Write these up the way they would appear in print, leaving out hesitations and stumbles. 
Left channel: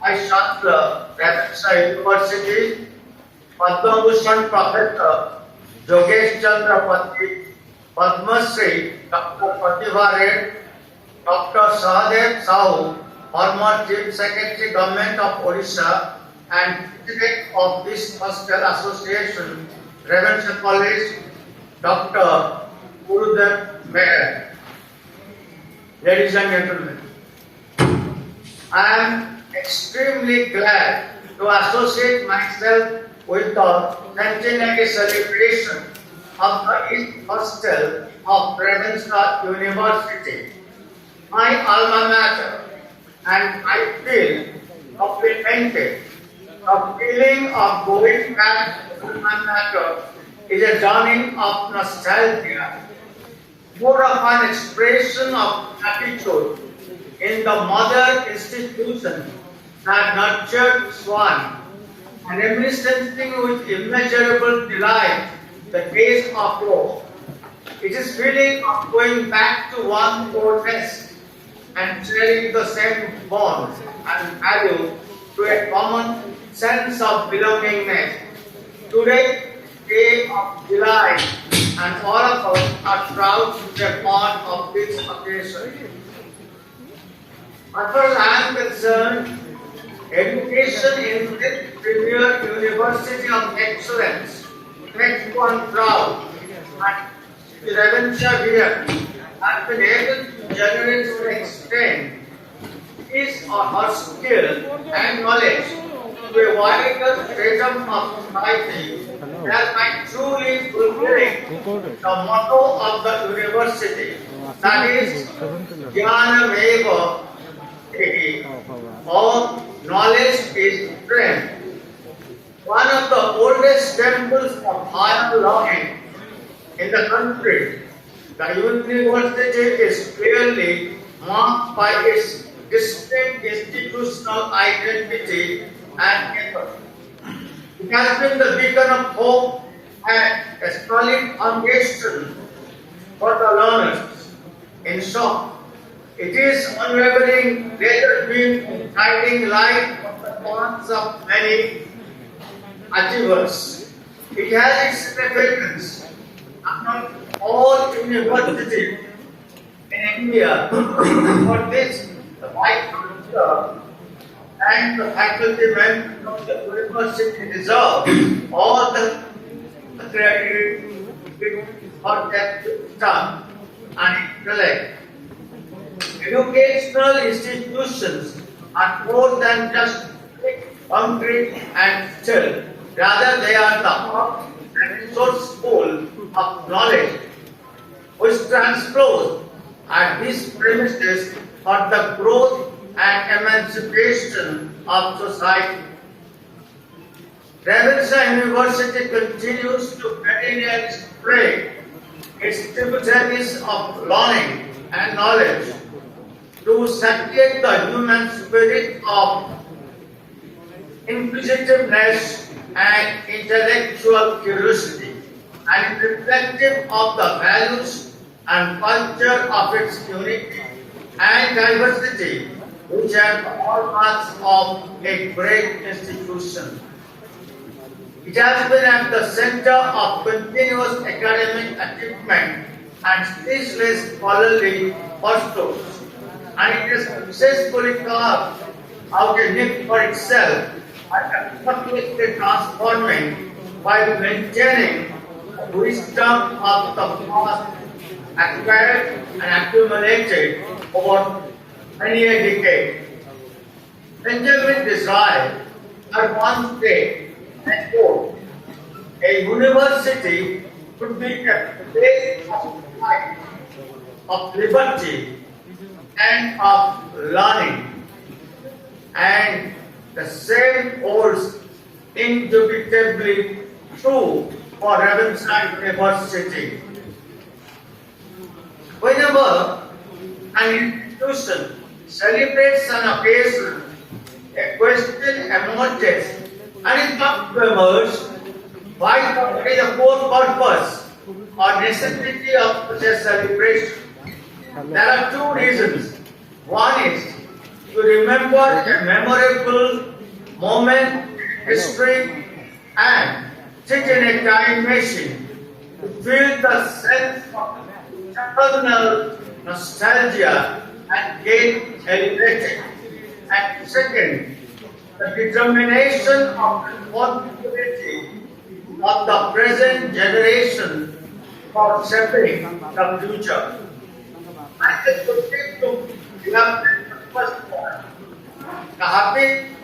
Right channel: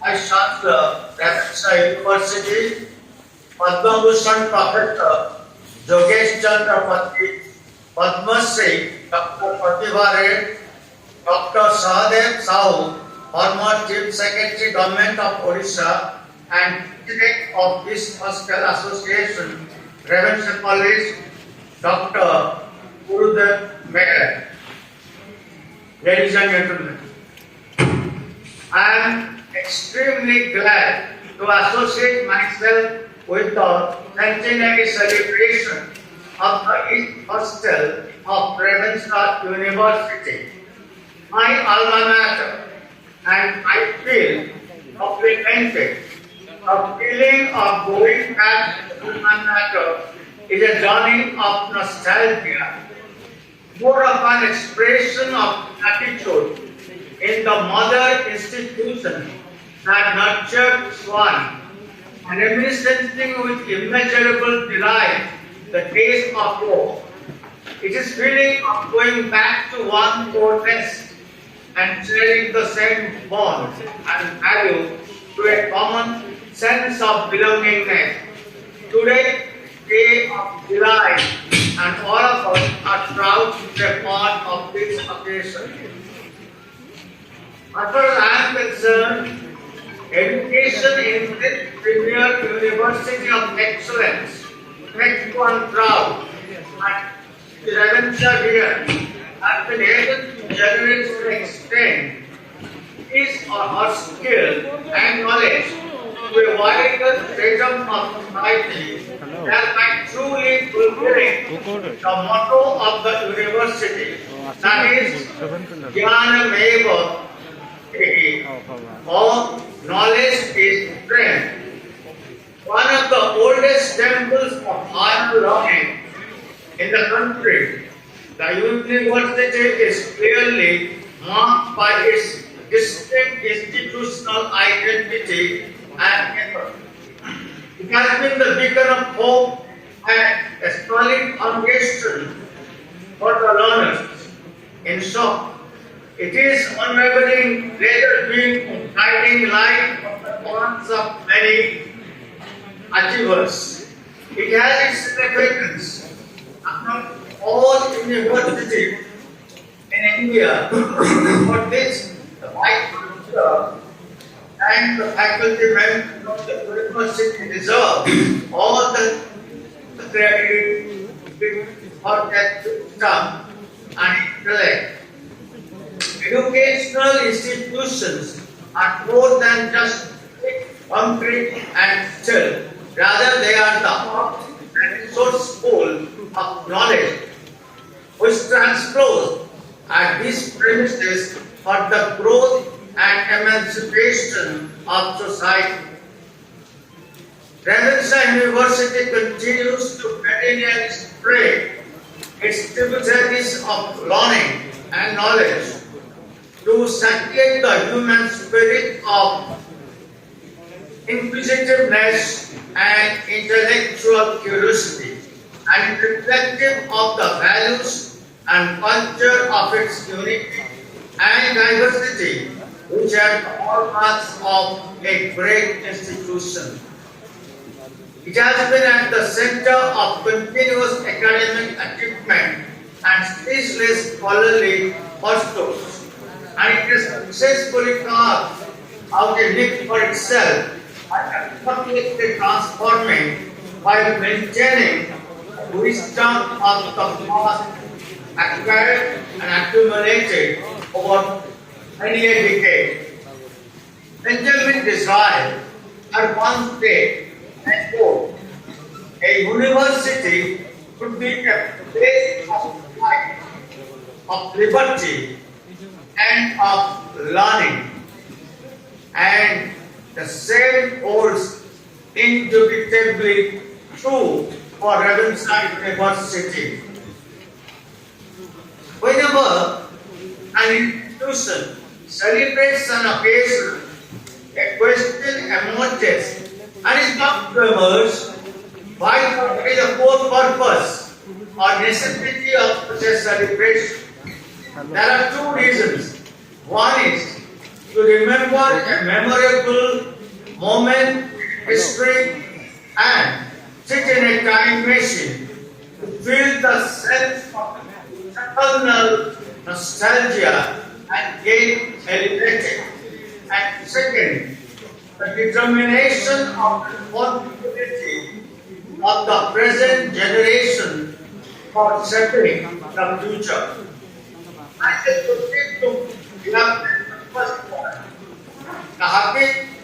Vice Chancellor, Misra University, Padma Bhushan Professor Jogesh Chandra Pati, Padma Shri Dr. Pratibha Ray, Dr. Sahadev Sahu, former Chief Secretary Government of Odisha and President of this Hostel Association, Prevention College, Dr. Gurudev Meher. Ladies and gentlemen, I am extremely glad to associate myself with the centenary celebration of the East Hostel of Misra University, my alma mater, and I feel complimented. The feeling of going back to alma mater is a journey of nostalgia, more of an expression of gratitude in the mother institution that nurtured one, and reminiscing with immeasurable delight the days of yore. It is feeling of going back to one core nest and sharing the same bond and value to a common sense of belongingness. Today, day of July, and all of us are proud to be a part of this occasion. As far as I am concerned, education in this premier University of Excellence makes one proud, and the Revenue here has been able to generate to an extent his or her skill and knowledge to a wider spectrum of society, thereby truly fulfilling the motto of the university, that is Jnanameva or knowledge is strength. One of the oldest temples of higher learning in the country, the university is clearly marked by its distinct institutional identity and effort. It has been the beacon of hope and a solid foundation for the learners. In short, it is unwavering pleasure being guiding light of the paths of many achievers. It has its significance among all universities in India. For this, the Vice Chancellor and the faculty members of the university deserve all the credit for that wisdom and intellect. Educational institutions are more than just concrete and still. Rather, they are the heart and source pool of knowledge, which transpose at these premises for the growth and emancipation of society. Revenue University continues to perennially spread its tributaries of learning and knowledge to satiate the human spirit of inquisitiveness and intellectual curiosity, and reflective of the values and culture of its unity and diversity, which are the hallmarks of a great institution. It has been at the center of continuous academic achievement and ceaseless scholarly pursuits, and it has successfully carved out a niche for itself and completely transforming while maintaining the wisdom of the past acquired and accumulated over many a decade. Benjamin Disraeli had once said, and quote, a university could be a place of life, of liberty, and of learning. And the same holds indubitably true for Revenue University. Whenever an institution celebrates an occasion, a question emerges and is not to emerge why the core purpose or necessity of such a celebration. There are two reasons. One is to remember a memorable moment, history, and sit in a time machine to feel the sense of eternal nostalgia and get elevated. And second, the determination of responsibility of the present generation for shaping the future. I just proceed to the first point. The happiness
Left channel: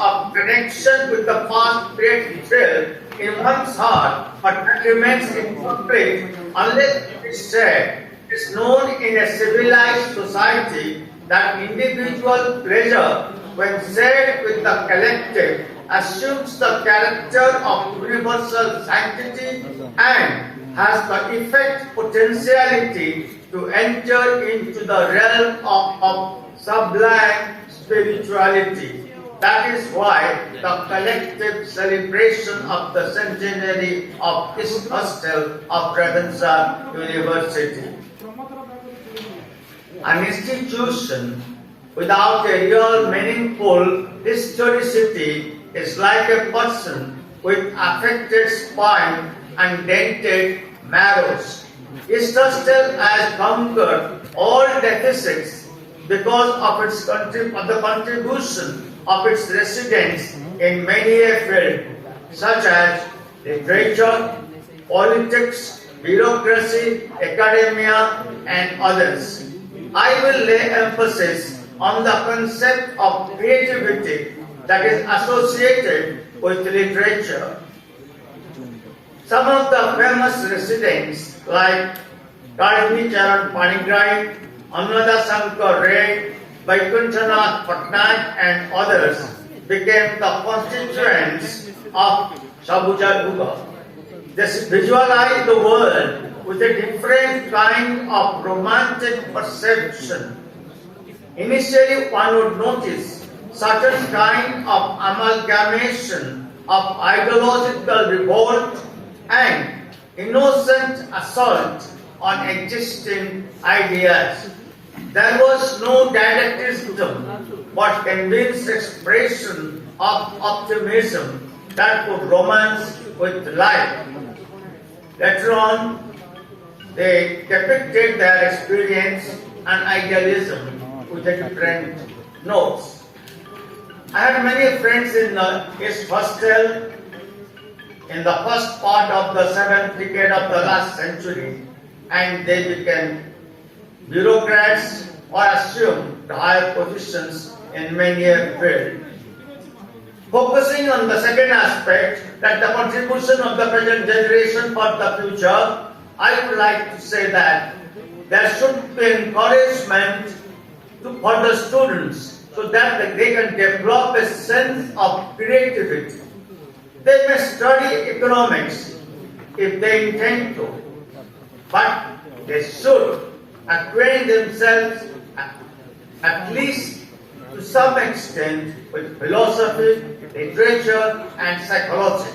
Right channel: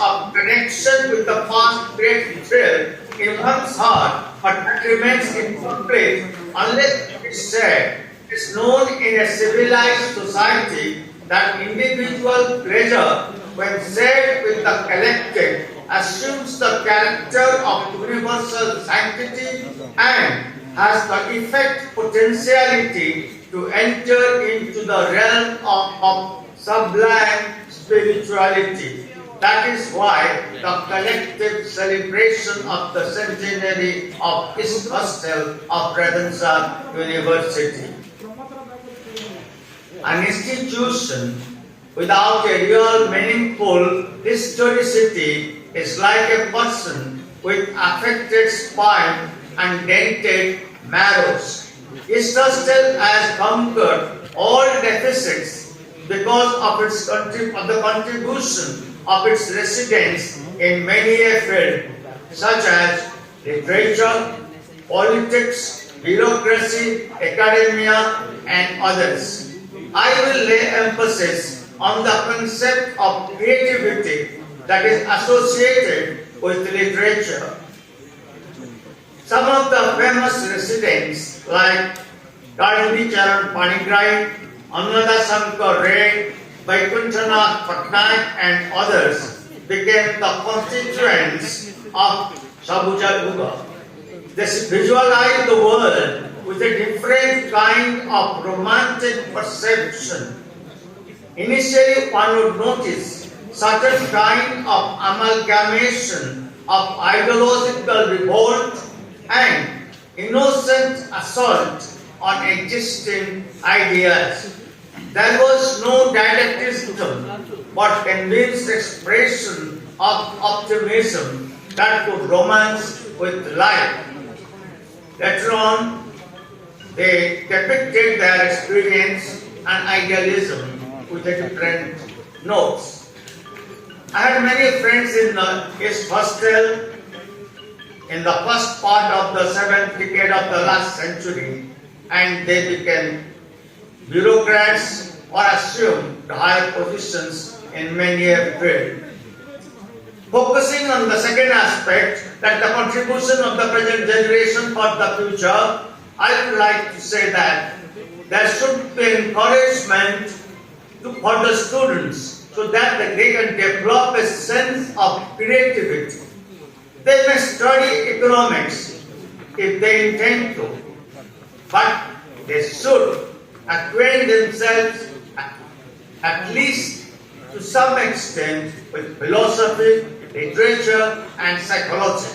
of connection with the past creates thrill in one's heart, but that remains incomplete unless it is shared. It is known in a civilized society that individual pleasure, when shared with the collective, assumes the character of universal sanctity and has the effect potentiality to enter into the realm of sublime spirituality. That is why the collective celebration of the centenary of this Hostel of Redenza University. An institution without a real meaningful historicity is like a person with affected spine and dented marrows. This hostel has conquered all deficits because of the contribution of its residents in many a field, such as literature, politics, bureaucracy, academia, and others. I will lay emphasis on the concept of creativity that is associated with literature. Some of the famous residents like Rajni Charan Panigrai, Ananda Shankar Ray, Vaikuntanath Patnaik and others became the constituents of Sabuja Duga. They visualize the world with a different kind of romantic perception. Initially, one would notice certain kind of amalgamation of ideological revolt and innocent assault on existing ideas. There was no dialecticism, but convinced expression of optimism that could romance with life. Later on, they depicted their experience and idealism with a different notes. I had many friends in the East Hostel in the first part of the 7th decade of the last century, and they became bureaucrats or assumed higher positions in many a field. Focusing on the second aspect, that the contribution of the present generation for the future, I would like to say that there should be encouragement for the students so that they can develop a sense of creativity. They may study economics if they intend to, but they should acquaint themselves at least to some extent with philosophy, literature and psychology.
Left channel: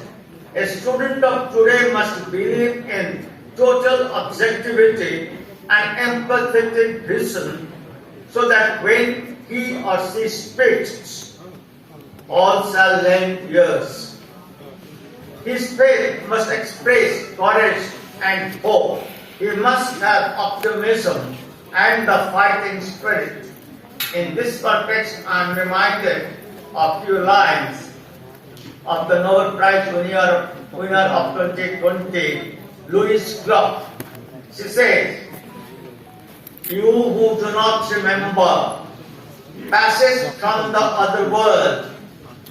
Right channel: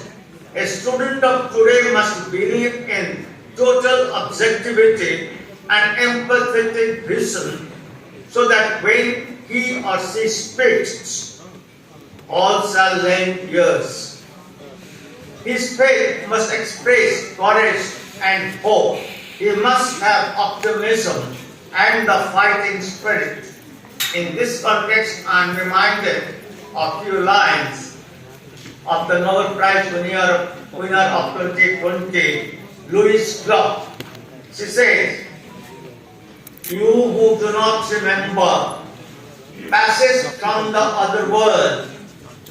A student of today must believe in total objectivity and empathetic vision so that when he or she speaks, all shall lend ears. His faith must express courage and hope. He must have optimism and the fighting spirit. In this context, I am reminded of few lines of the Nobel Prize winner of 2020, Louise Clark. She says, "You who do not remember passage from the other world,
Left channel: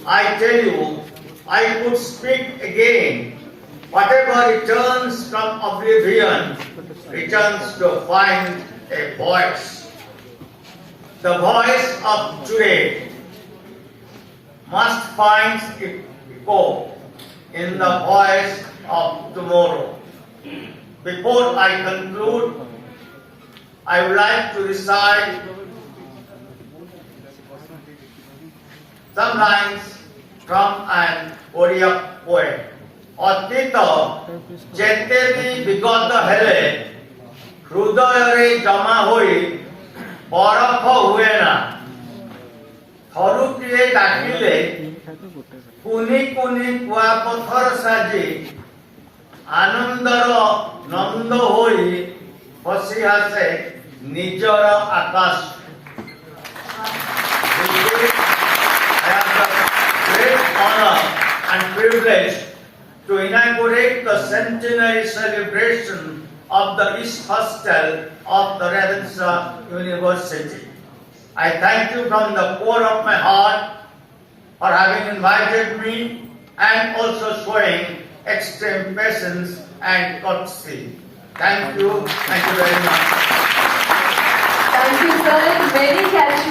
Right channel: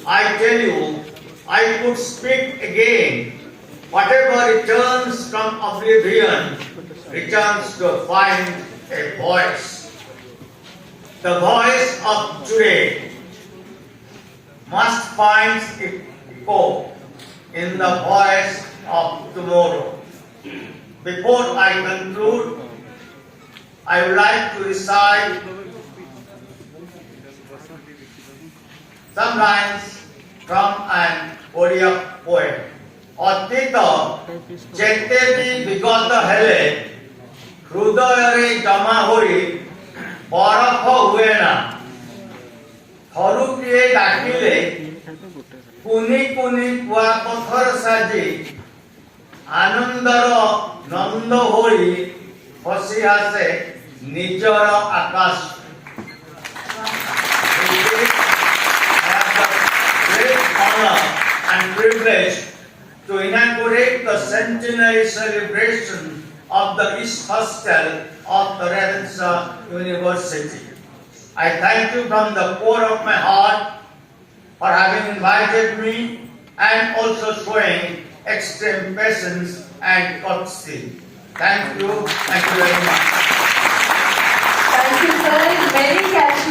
I tell you, I could speak again. Whatever returns from oblivion returns to find a voice. The voice of today must find echo in the voice of tomorrow." Before I conclude, I would like to recite some lines from an Odia poem. অতীত যেতে B বিগত হেলে হৃদয়রে জমা হই ବରଫ ହୁଏ ନା ଥରୁଟିଏ ଡାକିଲେ କୁନି କୁନି କୁଆପଥର ସାଜି ଆନନ୍ଦର ନନ୍ଦ ହୋଇ ଖସି ଆସେ ନିଜର ଆକାଶ। I have the great honor and privilege to inaugurate the centenary celebration of the East Hostel of the Redensa University. I thank you from the core of my heart for having invited me and also showing extreme patience and courtesy. Thank you very much. Thank you, sir. Very catchy.